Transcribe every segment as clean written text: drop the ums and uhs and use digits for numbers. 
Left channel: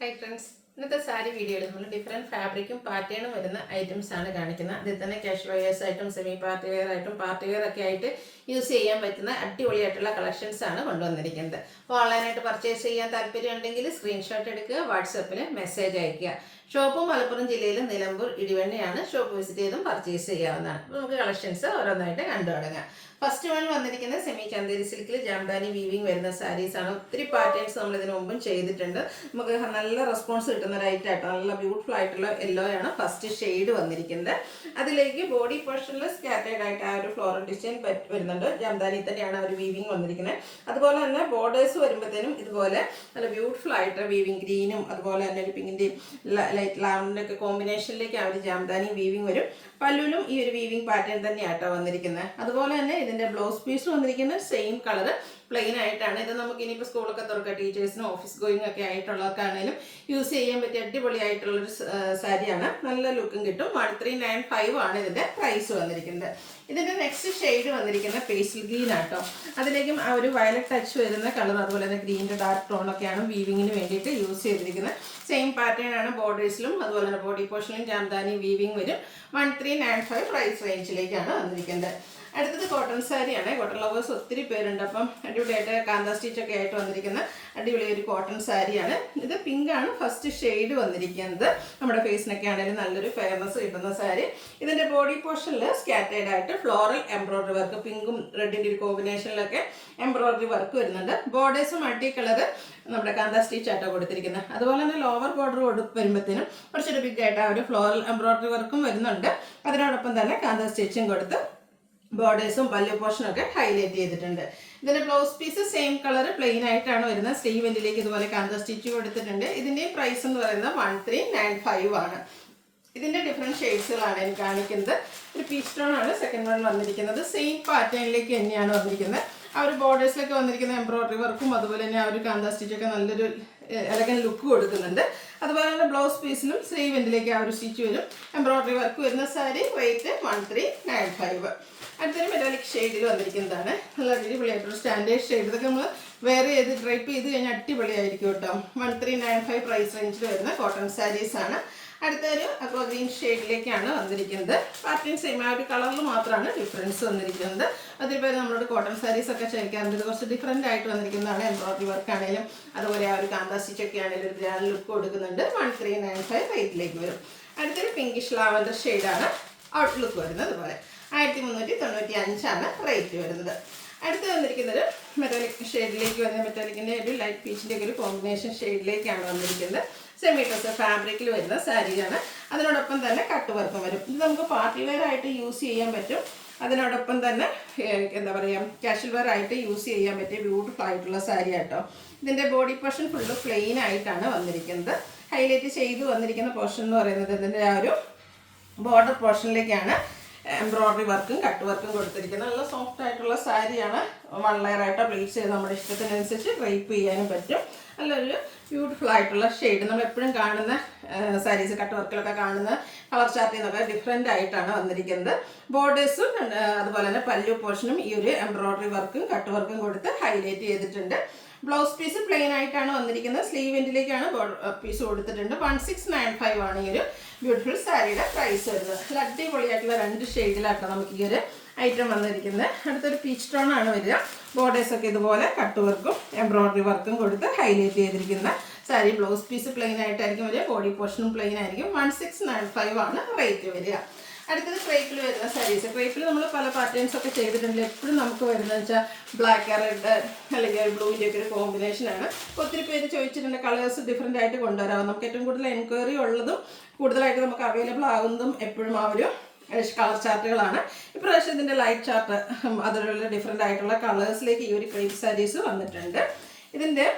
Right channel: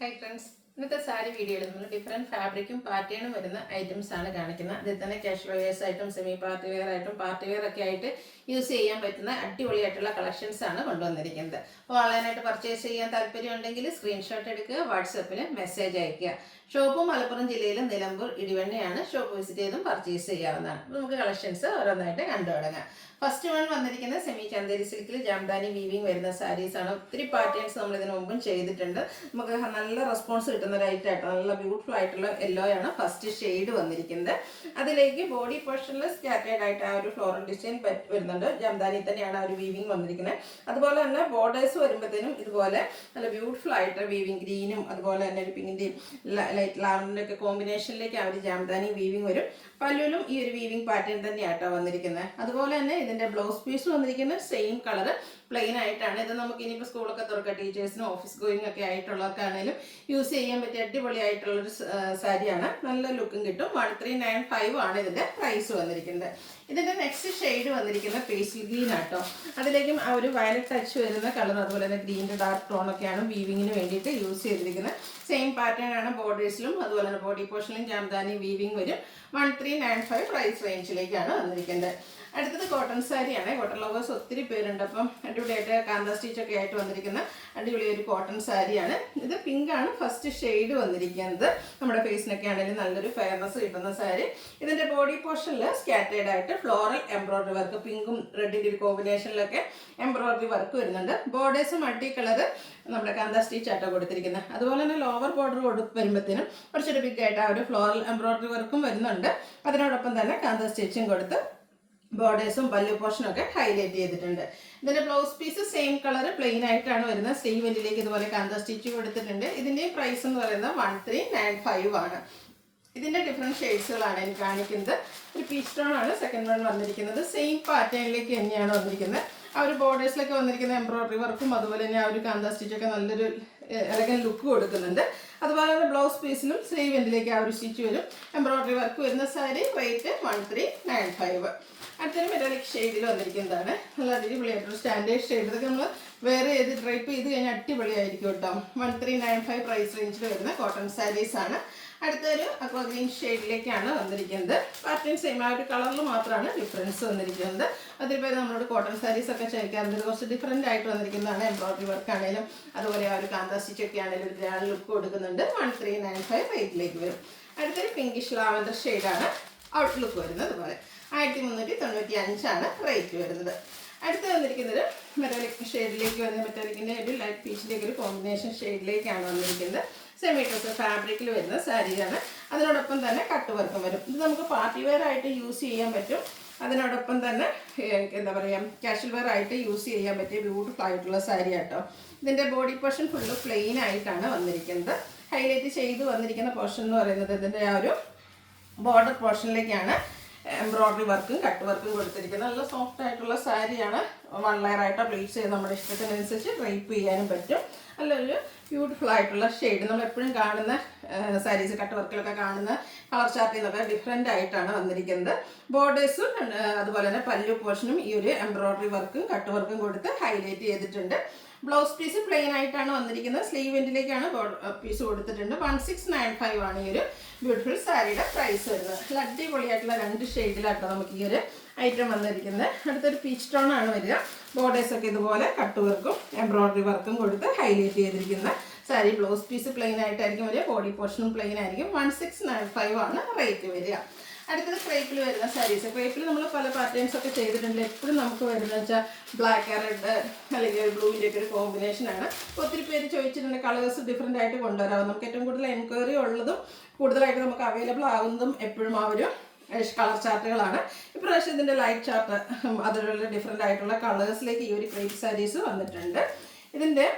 Hi friends, ഇന്നത്തെ സാരി വീഡിയോയിൽ നമ്മൾ ഡിഫറെൻറ്റ് ഫാബ്രിക്കും പാറ്റേണും വരുന്ന ഐറ്റംസ് ആണ് കാണിക്കുന്നത്. അതിൽ തന്നെ കാഷ്വൽ വെയേഴ്സ് ആയിട്ടും സെമി പാർട്ടി വെയർ ആയിട്ടും പാർട്ടി വെയർ ഒക്കെ ആയിട്ട് യൂസ് ചെയ്യാൻ പറ്റുന്ന അടിപൊളിയായിട്ടുള്ള കളക്ഷൻസ് ആണ് കൊണ്ടുവന്നിരിക്കുന്നത്. അപ്പോൾ ഓൺലൈനായിട്ട് പർച്ചേസ് ചെയ്യാൻ താല്പര്യം ഉണ്ടെങ്കിൽ സ്ക്രീൻഷോട്ട് എടുക്കുക, വാട്സപ്പിൽ മെസ്സേജ് അയയ്ക്കുക. ഷോപ്പ് മലപ്പുറം ജില്ലയിലെ നിലമ്പൂർ ഇടിവണ്ണയാണ്. ഷോപ്പ് വിസിറ്റ് ചെയ്തും പർച്ചേസ് ചെയ്യാവുന്നതാണ്. അപ്പോൾ നമുക്ക് കളക്ഷൻസ് ഓരോന്നായിട്ട് കണ്ടു തുടങ്ങാം. ഫസ്റ്റ് വൺ വന്നിരിക്കുന്നത് സെമി ചന്തേരി സിൽക്കിൽ ജാംദാനി വീവിങ് വരുന്ന സാരീസ് ആണ്. ഒത്തിരി പാറ്റേൺസ് നമ്മൾ ഇതിനു മുമ്പും ചെയ്തിട്ടുണ്ട്. നമുക്ക് നല്ല റെസ്പോൺസ് കിട്ടുന്ന ഒരു ഐറ്റം ആയിട്ട് നല്ല ബ്യൂട്ടിഫുൾ ആയിട്ടുള്ള യെല്ലോ ആണ് ഫസ്റ്റ് ഷെയ്ഡ് വന്നിരിക്കുന്നത്. അതിലേക്ക് ബോഡി പോർഷനിൽ സ്കാറ്റേഡ് ആയിട്ട് ആ ഒരു ഫ്ലോറൽ ഡിസൈൻ വരുന്നുണ്ട്. ജാംദാനി തന്നെയാണ് ആ ഒരു വീവിങ് വന്നിരിക്കുന്നത്. അതുപോലെ തന്നെ ബോർഡേഴ്സ് വരുമ്പോഴത്തേനും ഇതുപോലെ നല്ല ബ്യൂട്ടിഫുൾ ആയിട്ട് വീവിങ് ഗ്രീനും അതുപോലെ തന്നെ ഒരു പിങ്കിൻ്റെയും ലൈറ്റ് ലാവൻഡറിൻ്റെ ഒക്കെ കോമ്പിനേഷനിലേക്ക് ആ ഒരു ജാംദാനി വീവിങ് വരും. പല്ലുവിലും ഈ ഒരു വീവിങ് പാറ്റേൺ തന്നെയാട്ടോ വന്നിരിക്കുന്നത്. അതുപോലെ തന്നെ ഇതിൻ്റെ ബ്ലൗസ് പീസ് വന്നിരിക്കുന്നത് സെയിം കളർ പ്ലെയിൻ ആയിട്ടാണ്. ഇത് നമുക്ക് ഇനിയിപ്പോൾ സ്കൂളൊക്കെ തുറക്കുക, ടീച്ചേഴ്സിനും ഓഫീസ് ഗോയിങ് ഒക്കെ ആയിട്ടുള്ളവർക്കാണെങ്കിലും യൂസ് ചെയ്യാൻ പറ്റിയ അടിപൊളിയായിട്ടുള്ളൊരു സാരിയാണ്. നല്ല ലുക്കും കിട്ടും. 1395 ആണ് ഇതിൻ്റെ പ്രൈസ് വന്നിരിക്കുന്നത്. ഇതിൻ്റെ നെക്സ്റ്റ് ഷെയ്ഡ് വന്നിരിക്കുന്നത് പേസ്റ്റൽ ഗ്രീൻ ആട്ടോ. അതിലേക്കും ആ ഒരു വയലറ്റ് ടച്ച് വരുന്ന കളർ അതുപോലെ തന്നെ ഗ്രീൻ്റെ ഡാർക്ക് ടോണൊക്കെയാണ് വീവിങ്ങിന് വേണ്ടിയിട്ട് യൂസ് ചെയ്തിരിക്കുന്നത്. സെയിം പാറ്റേൺ ആണ് ബോർഡേഴ്സിലും അതുപോലെ തന്നെ ബോഡി പോർഷനിലും ജാംദാനി വീവിങ് വരും. 1395 പ്രൈസ് റേഞ്ചിലേക്കാണ് വന്നിരിക്കുന്നത്. അടുത്തത് കോട്ടൺ സാരിയാണ്. കോട്ടൺ ലവേഴ്സ് ഒത്തിരി പേരുണ്ട്. അപ്പം അടിപൊളിയായിട്ട് കാന്ത സ്റ്റിച്ചൊക്കെ ആയിട്ട് വന്നിരിക്കുന്ന അടിപൊളി ഒരു കോട്ടൺ സാരിയാണ്. ഇത് പിങ്ക് ആണ് ഫസ്റ്റ് ഷെയ്ഡ് വന്നിരിക്കുന്നത്. നമ്മുടെ ഫേസിനൊക്കെ ആണെങ്കിലും നല്ലൊരു ഫെയർനെസ് കിട്ടുന്ന സാരി. ഇതിൻ്റെ ബോഡി പോർഷനിൽ സ്കാറ്റേഡ് ആയിട്ട് ഫ്ലോറൽ എംബ്രോയിഡറി വർക്ക്, പിങ്കും റെഡിൻ്റെ ഒരു കോമ്പിനേഷനിലൊക്കെ എംബ്രോയിഡറി വർക്ക് വരുന്നുണ്ട്. ബോർഡേഴ്സും മൾട്ടി കളർ നമ്മുടെ കാന്ത സ്റ്റിച്ച് ആയിട്ടാണ് കൊടുത്തിരിക്കുന്നത്. അതുപോലെ തന്നെ ലോവർ ബോർഡർ വരുമ്പോഴത്തേനും കുറച്ചൊരു ബിഗ് ആയിട്ട് ആ ഒരു ഫ്ലോറൽ എംബ്രോയിഡറി വർക്കും വരുന്നുണ്ട്. അതിനോടൊപ്പം തന്നെ കാന്ത സ്റ്റിച്ചും കൊടുത്ത് ബോർഡേഴ്സും പല്ലു പോർഷനൊക്കെ ഹൈലൈറ്റ് ചെയ്തിട്ടുണ്ട്. ഇതിൻ്റെ blouse piece same colour plain ആയിട്ടാണ് വരുന്നത്. സ്ലീവ് എൻഡിലേക്ക് ഇതുപോലെ കാന്ത സ്റ്റിച്ച് കൊടുത്തിട്ടുണ്ട്. ഇതിൻ്റെ പ്രൈസ് എന്ന് പറയുന്നത് 1395 ആണ്. ഇതിൻ്റെ ഡിഫറെൻറ്റ് ഷെയ്ഡ്സുകളാണ് എനിക്ക് കാണിക്കുന്നത്. ഒരു പീച്ച് ടോൺ ആണ് സെക്കൻഡ് വൺ വന്നിരിക്കുന്നത്. സെയിം പാറ്റേണിലേക്ക് തന്നെയാണ് വന്നിരിക്കുന്നത്. ആ ഒരു ബോർഡേഴ്സിലൊക്കെ വന്നിരിക്കുന്ന എംബ്രോയിഡറി വർക്കും അതുപോലെ തന്നെ ആ ഒരു കാന്ത സ്റ്റിച്ചൊക്കെ നല്ലൊരു എലഗൻ ലുക്ക് കൊടുക്കുന്നുണ്ട്. അതുപോലെ തന്നെ ബ്ലൗസ് പീസിലും സ്ലീവ് എൻഡിലേക്ക് ആ ഒരു സ്റ്റിച്ച് വരും. എംബ്രോയിഡറി വർക്ക് വരുന്ന സാരി റേറ്റ് 1395. അടുത്തൊരു മെറ്റാലിക് ഷെയ്ഡിൽ വന്നിരിക്കുന്നതാണ്. നല്ല അടിപൊളിയായിട്ടുള്ള സ്റ്റാൻഡേർഡ് ഷെയ്ഡ്. ഇതൊക്കെ നമ്മൾ വേറെ ചെയ്ത് ഡ്രൈപ്പ് ചെയ്ത് കഴിഞ്ഞാൽ അടിപൊളിയായിരിക്കും കേട്ടോ. 1395 പ്രൈസ് റേഞ്ചിൽ വരുന്ന കോട്ടൺ സാരീസ് ആണ്. അടുത്തൊരു അക്വാ ഗ്രീൻ ഷെയ്ഡിലേക്കാണ് വന്നിരിക്കുന്നത്. പാറ്റേൺ സെയിം ആ ഒരു കളറിൽ മാത്രമാണ് ഡിഫറൻസ് വന്നിരിക്കുന്നത്. അതിൽ പേര് നമ്മളോട് കോട്ടൺ സാരീസ് ഒക്കെ ചോദിക്കാറുണ്ട്. കുറച്ച് ഡിഫറെൻ്റ് ആയിട്ട് വന്നിരിക്കുന്നതാണ്. എംബ്രോയിഡറി വർക്ക് ആണെങ്കിലും അതുപോലെ ആ ഒരു കാന്ത സ്റ്റിച്ചൊക്കെ ആണെങ്കിലും ഒരു ഗ്രാൻഡ് ലുക്ക് കൊടുക്കുന്നുണ്ട്. 1395 റേറ്റിലേക്ക് വരും. അടുത്തൊരു പിങ്കിഷ് ലാവൻഡർ ഷെയ്ഡാണ് ഔട്ട്ലുക്ക് വരുന്നത്. അതുപോലെ 1395 ആണ് റേറ്റ് വരുന്നത്. അടുത്ത് വന്നിരിക്കുന്നത് മെറ്റാലിക് ഷെയ്ഡിലേക്ക് വരുന്ന മെറ്റാലിക്കിൻ്റെ ഒരു ലൈറ്റ് പീച്ചിലേക്ക് ഒരു കോമ്പിനേഷൻ ഷെയ്ഡിലേക്കാണ് വന്നിരിക്കുന്നത്. സെമി ഡ്രസ് ഫാബ്രിക്കിൽ വരുന്ന സാരിയാണ്. അതിനോടൊപ്പം തന്നെ കട്ട് വർക്കും വരും. ഇത് നമുക്ക് പാർട്ടി വെയർ ആയിട്ട് യൂസ് ചെയ്യാൻ പറ്റും. അതിനോടൊപ്പം തന്നെ എന്താ പറയുക, കാഷ്വൽ വെയർ ആയിട്ട് യൂസ് ചെയ്യാൻ പറ്റിയ ബ്യൂട്ടിഫുൾ ആയിട്ടുള്ള സാരി ആട്ടോ. ഇതിൻ്റെ ബോഡി പോർഷൻ ഫുള്ള് പ്ലെയിൻ ആയിട്ടാണ് വന്നിരിക്കുന്നത്. ഹൈലൈറ്റ് ചെയ്ത് വന്നിരിക്കുന്ന പോർഷൻ എന്ന് പറയുന്നത് ഇതിൻ്റെ ആ ഒരു ബോർഡർ പോർഷനിലേക്കാണ് എംബ്രോയിഡറി വർക്കും കട്ട് വർക്കും കൊടുത്തിരിക്കുന്നത്. നല്ല സോഫ്റ്റ് ആയിട്ടുള്ള സാരിയാണ്. 1 ലെയർ ആയിട്ടോ പ്ലേസ് ചെയ്ത് നമ്മുടെ ഇഷ്ടത്തിനനുസരിച്ച് ഡ്രൈപ്പ് ചെയ്യാനും പറ്റും. നല്ലൊരു ബ്യൂട്ടിഫുൾ ആയിട്ടുള്ള ഷെയ്ഡ്. നമ്മൾ എപ്പോഴും കാണുന്ന സാരീസ് കട്ട് വർക്കിലൊക്കെ കാണുന്ന കളർ ചാർട്ടിൽ നിന്നൊക്കെ ഡിഫറെൻ്റ് ആയിട്ടാണ് വന്നിരിക്കുന്നത്. ബോർഡേഴ്സും അതുപോലെ തന്നെ പല്ലു പോർഷനും ഈ ഒരു എംബ്രോയിഡറി വർക്കും കട്ട് വർക്കും കൊടുത്ത് ഹൈലൈറ്റ് ചെയ്തിട്ടുണ്ട്. ബ്ലൗസ് പീസ് പ്ലെയിൻ ആയിട്ടാണ് വന്നിരിക്കുന്നത്. സ്ലീവ് എൻഡിലേക്കാണ് പീസ് കൊടുത്തിട്ടുണ്ട്. 1695 ആണ് ഈ ഒരു ബ്യൂട്ടിഫുൾ സാരിയുടെ പ്രൈസ് വരുന്നത്. നല്ല അടിപൊളിയായിട്ടുള്ള 2 ഷെയ്ഡിലാട്ടോ നമുക്ക് ഈ ഒരു ഐറ്റം വന്നിരിക്കുന്നത്. അടുത്തൊരു പീച്ച് ടോൺ ആണ് വരിക. ബോർഡേഴ്സൊക്കെ ഇതുപോലെ കട്ട് വർക്കും എംബ്രോയിഡറി വർക്കും കൊടുത്ത് ഹൈലൈറ്റ് ചെയ്തിരിക്കുന്ന സാരി. ബ്ലൗസ് പീസ് പ്ലെയിൻ ആയിട്ടായിരിക്കും വരിക. ബോഡി പോർഷനും പ്ലെയിൻ ആയിരിക്കും. 1695 ആണ് റേറ്റ് വരിക. അടുത്തത് ക്രേപ്പിൽ വരുന്ന സാരീസ്. ക്രേപ്പിൽ നമ്മൾ പല പാറ്റേൺസ് ഒക്കെ ചെയ്തിട്ടുണ്ട്. എപ്പോഴും നമുക്ക് വരുന്നത് വെച്ചാൽ ബ്ലാക്ക് റെഡ് അല്ലെങ്കിൽ ബ്ലൂവിൻ്റെ ഒക്കെ ഒരു കോമ്പിനേഷനാണ്. ഒത്തിരി പേര് ചോദിച്ചിട്ടുണ്ട് കളേഴ്സ് ഡിഫറെൻ്റ് ആയിട്ട് കൊണ്ടുവരാം. നമുക്ക് ഏറ്റവും കൂടുതൽ എൻക്വയറി ഉള്ളതും കൂടുതലായിട്ട് നമുക്ക് അവൈലബിൾ ആകുന്നതും എപ്പോഴും ആ ഒരു കളർ ചാർട്ടുകളാണ്. ഇപ്രാവശ്യം ഇതിൻ്റെ ലൈറ്റ് ചാർട്ട് അതിലുള്ള ഡിഫറെൻ്റ് ആയിട്ടുള്ള കളേഴ്സിലേക്ക് ഈ ഒരു ക്രേപ്പ് സാരീസ് വന്നിട്ടുണ്ട്. ഇതിൻ്റെ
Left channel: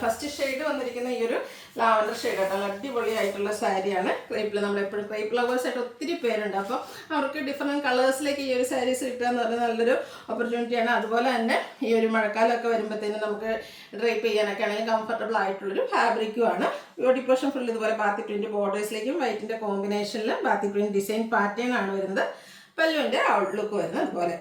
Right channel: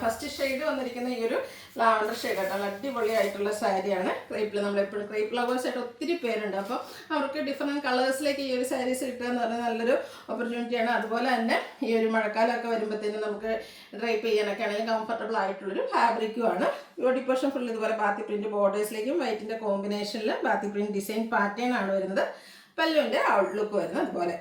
ഫസ്റ്റ് ഷെയ്ഡ് വന്നിരിക്കുന്ന ഈ ഒരു ലാവൻഡർ ഷെയ്ഡ് ആട്ടോ. അടിപൊളിയായിട്ടുള്ള സാരിയാണ്. ക്രേപ്പിൽ നമ്മളെപ്പോഴും ക്രേപ്പ് ലവേഴ്സ് ആയിട്ട് ഒത്തിരി പേരുണ്ട്. അപ്പോൾ അവർക്ക് ഡിഫറെൻറ്റ് കളേഴ്സിലേക്ക് ഈ ഒരു സാരീസ് കിട്ടുക എന്ന് പറഞ്ഞാൽ നല്ലൊരു ഓപ്പർച്യൂണിറ്റിയാണ്. അതുപോലെ തന്നെ ഈ ഒരു മഴക്കാലമൊക്കെ വരുമ്പോഴത്തേനും നമുക്ക് ഡ്രൈപ്പ് ചെയ്യാനൊക്കെ ആണെങ്കിലും കംഫർട്ടബിൾ ആയിട്ടുള്ളൊരു ഫാബ്രിക്കുമാണ്. ബോഡി പോർഷൻ ഫുൾ ഇതുപോലെ ബാത്തി പ്രിൻറ്റ് ബോർഡേഴ്സിലേക്കും വൈറ്റിൻ്റെ കോമ്പിനേഷനിൽ ബാത്തി പ്രിൻറ്റ് ഡിസൈൻ പാറ്റേൺ ആണ് വരുന്നത്. പല്ലുവിൻ്റെ ഔട്ട്ലുക്ക് വരുന്നത് അതുപോലെ.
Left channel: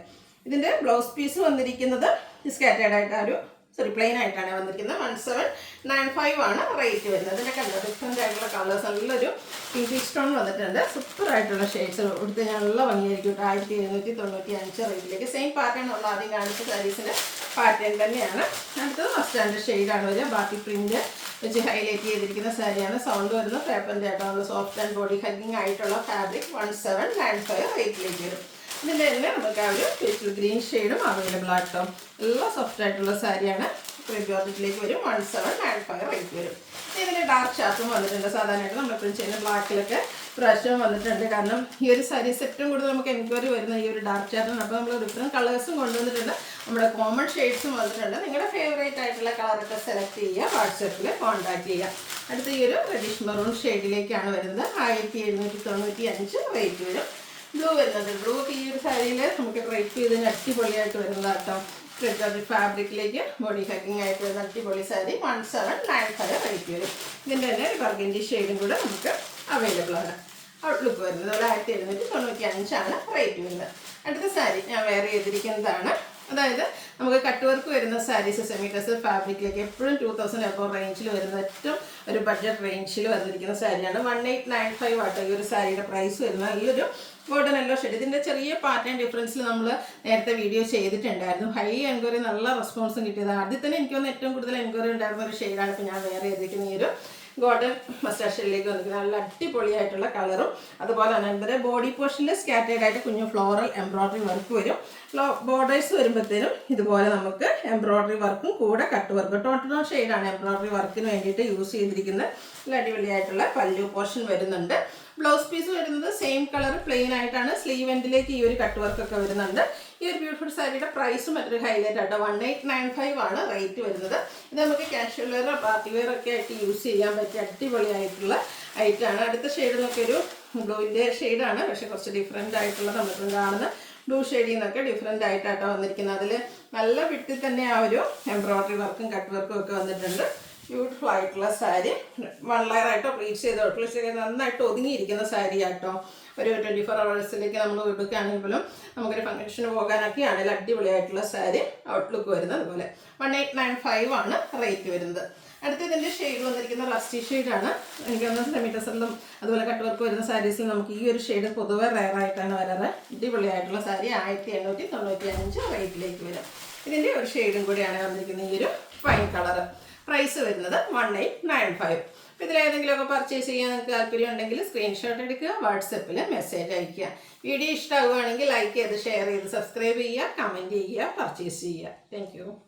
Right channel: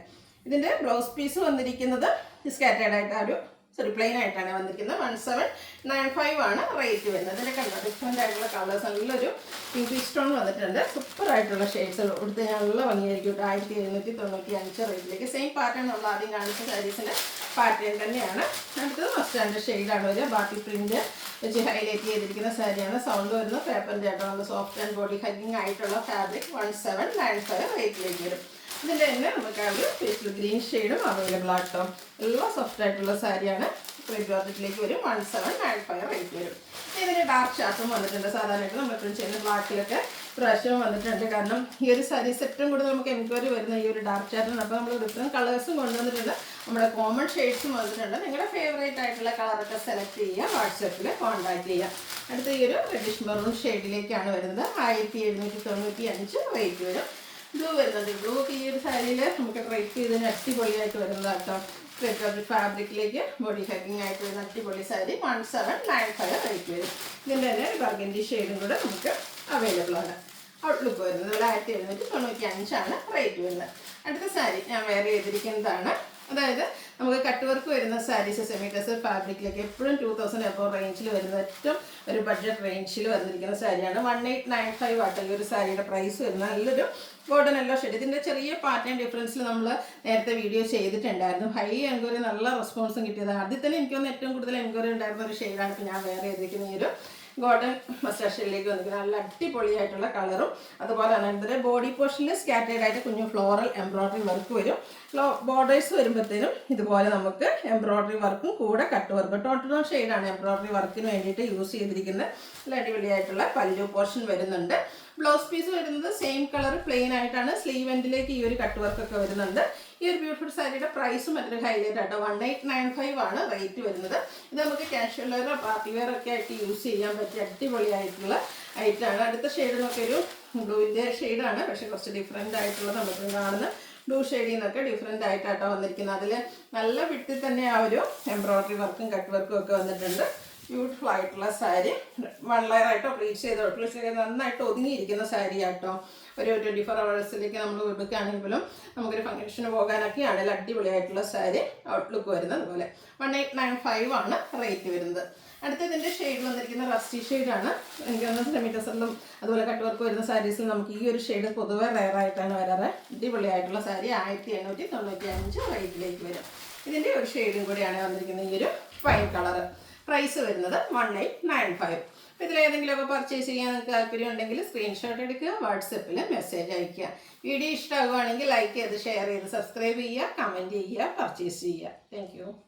ഇതിൻ്റെ ബ്ലൗസ് പീസ് വന്നിരിക്കുന്നത് സ്കാറ്റേഡ് ആയിട്ട് ആ ഒരു പ്ലെയിൻ ആയിട്ടാണ് വന്നിരിക്കുന്നത്. 1795 ആണ് റേറ്റ് വരുന്നത്. ഇതിൻ്റെ കണ്ടോ ഡിഫറെൻ്റ് ആയിട്ടുള്ള കളേഴ്സ്, നല്ലൊരു പിങ്ക് സ്റ്റോൺ വന്നിട്ടുണ്ട്. സൂപ്പർ ആയിട്ടുള്ള ഷെയ്ഡ്സ് കൊടുത്ത് നല്ല ഭംഗിയായിരിക്കും. 1795 റേറ്റിലേക്ക് സെയിം പാറ്റേൺ ഉള്ള ആദ്യം കാണിച്ച സാരീസിൻ്റെ പാറ്റേൺ തന്നെയാണ്. അടുത്തത് മസ്റ്റാൻഡ് ഷെയ്ഡാണ് വരിക. ബാക്കി പ്രിന്റ് വെച്ച് ഹൈലൈറ്റ് ചെയ്തിരിക്കുന്ന സാരിയാണ്. സൗണ്ട് വരുന്ന പേപ്പറിൻ്റെ ആയിട്ട് നമ്മൾ സോഫ്റ്റ് ആൻഡ് ബോഡി ഹഗ്ഗിങ് ആയിട്ടുള്ള ഫാബ്രിക് 1795 റേറ്റിലേക്ക് വരും. ഇതിൻ്റെ തന്നെ നമുക്ക് ആ ഒരു പേസ്റ്റൽ ഗ്രീൻ ഷെയ്ഡും അവൈലബിൾ ആട്ടോ. എല്ലാം സോഫ്റ്റ് ആയിട്ടുള്ള സാരിയാണ്. ജോർജറ്റിലേക്ക് വരും. 1795 റേറ്റ് വരും. ഇതിന് ഡാർക്ക് ഷാർട്ടും വന്നിട്ടുണ്ട്. സാധാരണയായിട്ട് നമ്മളെപ്പോഴും ചെയ്യുന്ന ബ്ലാക്കിലൊക്കെ പ്രാവശ്യം വന്നിട്ടുണ്ട്. കാരണം ഈ ഒരു സാരി സെറ്റും കൂടെ നമുക്ക് എൻക്വയറി വരുന്ന ഈ ഒരു ഡാർക്ക് ഷാർട്ടാണ്. അപ്പോൾ നമ്മൾ ഡിഫറെൻറ്റ് കളേഴ്സും കൊണ്ടുവന്നിട്ടുണ്ട്. നമ്മുടെ കോമൺ ഷെയ്ഡ്സും വന്നിട്ടുണ്ട്. നിങ്ങളുടെ ഫേവറേറ്റ് ആയിട്ടുള്ള കളറൊക്കെ സെലക്ട് ചെയ്യുക, വാട്സാപ്പിൽ കോൺടാക്ട് ചെയ്യുക. അടുത്ത ഈ ഒരു റെഡിഷ് മെറൂൺ ഷെയ്ഡിലേക്കാണ് വരുന്നത്. 1795 റേറ്റ് വരും. ബ്ലൂ വരുന്നത്. ബ്ലൂ ഈ ഒരു സാരിയിൽ നമുക്ക് ഡ്രൈപ്പ് ചെയ്തതിന് അടിപൊളിയായിട്ട് വരുന്നത് കേട്ടോ. ഫാബ്രിക്കിലേക്ക് ബോഡി ഹഗ്ഗിങ് ആയിട്ട് വരുന്ന അടിപൊളി സാരി 1795 റേറ്റ് വരും. ഇതിൻ്റെ തന്നെ ബർഗൻഡി ഷെയ്ഡും കൂടെ നമുക്ക് അവൈലബിൾ ആണ്. ഔട്ട്ലുക്ക് വരുന്നത് 1795 റേറ്റ് വരുന്നത്. അടുത്ത സാരി ഞാൻ വെയർ ചെയ്തിരിക്കുന്നതാണ്. അതായത് നമുക്ക് കട്ട് വർക്ക് വരുന്ന സാരീസ് സെമി കസർ ഫാബ്രിക്കിലേക്ക് എപ്പോഴും 2000 എബോ റേഞ്ചിൽ വരുന്ന ഏറ്റവും ഒരു ബഡ്ജറ്റ് റേഞ്ചിൽ വന്നിരിക്കുന്ന സാരിയാണ്. 1895 ആട്ടോ ഈ ഒരു സാരിയുടെ പ്രൈസ് വരുന്നത്. നല്ലൊരു ഗോൾഡൻ യെല്ലോ ഷെയ്ഡ്. ഇതിൻ്റെ ചെറിയ പാറ്റേൺ ഡിഫറൻസിൽ നമ്മൾ നേരത്തെ വീഡിയോ ചെയ്തിട്ടുണ്ടായിരുന്നു. ഹൈ എൻക്വയറി, നല്ല റെസ്പോൺസും കിട്ടിയതാണ്. ആദ്യം തന്നെ എനിക്ക് തോന്നുന്നു ഏറ്റവും കൂടുതൽ എൻക്വയറി ഉണ്ടായിരുന്ന ഒരു ഷെയ്ഡാണ് ഇപ്പോൾ ഞാൻ വെയർ ചെയ്തിരിക്കുന്ന ഈ ഒരു ഗോൾഡൻ മസ്റ്റാർഡ് ഷെയ്ഡിലേക്ക് വന്നിരിക്കുന്നത്. നല്ല അടിപൊളിയായിട്ടുള്ള കളറും അതുപോലെ തന്നെ ഇതിൻ്റെ ബോഡി പോർഷനിൽ സ്കാറ്റേഡ് ആയിട്ട് കുഞ്ഞു ഫ്ലോറൽ എംബ്രോയ്ഡറി വർക്ക് വരും. ബോർഡേഴ്സ് വരുമ്പോഴത്തേനും ഇതുപോലെ നമുക്ക് എംബ്രോയ്ഡറി വർക്കും കൂടെ കട്ട് വർക്ക് ടോട്ടൽ ഷെയ്ഡാണ് എംബ്രോയ്ഡറി വർക്കിന് വേണ്ടിയിട്ട് യൂസ് ചെയ്തിരിക്കുന്നത്. നല്ല അടിപൊളിയായിട്ടുള്ള പല്ലു പോർഷൻ വരുന്നുണ്ട്. ബ്ലൗസ് പീസ് വരുന്നത് സെയിം കളർ പ്ലെയിൻ ആയിട്ടാണ്. സ്ലീവ് എൻഡിലേക്ക് ഈ ഒരു കട്ട് വർക്കൊക്കെ വരുന്നുണ്ട്. ഈ ഒരു ബ്യൂട്ടിഫുൾ സാരിയുടെ പ്രൈസും മറ്റൊരു ഹൈലൈറ്റ് ആട്ടോ. 1895 ആണ് റേറ്റ് വരുന്നത്. ഇത് നമുക്ക് കാഷ്വൽ വെയർ, പാർട്ടി വെയർ ഒക്കെ ആയിട്ട് യൂസ് ചെയ്യാൻ പറ്റിയ അടിപൊളിയായിട്ടുള്ള ഐറ്റമാണ്. അടുത്ത ഷെയ്ഡ് നോക്കിയൊരു ബ്ലൂവിൻ്റെ ഷെയ്ഡാണ്, പക്ഷേ കുറച്ച് ഡിഫറെൻ്റ് ആയിട്ടുള്ള നമുക്ക് കാണുന്ന ബ്ലൂ ഷെയ്ഡിൽ നിന്നൊക്കെ ഡിഫറെൻ്റ് ആയിട്ടാട്ടോ വന്നിരിക്കുന്നത്. അതിൽ നല്ല വിട്ടിൽ തന്നെ ആ ഒരു എംബ്രോയ്ഡറി വർക്കും കട്ട് വർക്കും ഒക്കെ വന്നിട്ടുണ്ട്. ബ്യൂട്ടിഫുൾ ആയിട്ടുള്ള സാരി 1 ലെയർ ആയിട്ടോ പ്ലീറ്റ് ചെയ്ത് നന്നായിട്ട് ഒതുങ്ങിയിരിക്കുന്ന സാരി ആട്ടോ. ഒരു 24 hours നമ്മൾ എടുക്കുകയാണെങ്കിലും നമുക്കൊരു ഫംഗ്ഷന് പോകാനൊക്കെ ആണെങ്കിൽ അടിപൊളിയായിട്ടുള്ള സാരി ഔട്ട്ലുക്ക് വരുന്നത്. അതുപോലെ 1895 ആണ് റേറ്റ് വരുന്നത്. അടുത്തതിൻ്റെ ഷെയ്ഡ് വന്നിരിക്കുന്ന റസ്റ്റി ഷെയ്ഡാണ്. എനിക്ക് ഒന്ന് സെമി ടസറിലും അതുപോലെ കട്ട് വർക്ക് വരുന്ന സാരീസിൽ നമുക്ക് ഈ ഒരു ഷെയ്ഡ് പൊതുവെ റെയർ ആയിട്ടാണ് വരാറ്. അടിപൊളിയായിട്ടുള്ള സാരി 1895 റേറ്റിലേക്ക് വരും. ഇതിൻ്റെ ഒരു ഷെയ്ഡും കൂടിയാണ് വന്നിരിക്കുന്നത് ഈ ഒരു വൈൻ കളറ്. പ്രൈസ് വരുന്നത് 1895. ഇതിലേതെങ്കിലുമൊക്കെ പർച്ചേസ് ചെയ്യാൻ നിങ്ങൾക്ക് താല്പര്യം ഉണ്ടെങ്കിൽ സ്ക്രീൻഷോട്ട് എടുക്കുക, വാട്സപ്പിൽ മെസ്സേജ് അയയ്ക്കുക. വീഡിയോ ഇഷ്ടമാവുകയാണെങ്കിൽ ലൈക്ക് ചെയ്ത് ഷെയർ ചെയ്ത് സബ്സ്ക്രൈബ് ചെയ്യുക, കമൻറ്റ് ചെയ്യുക, പർച്ചേസ് ചെയ്യുക. താങ്ക്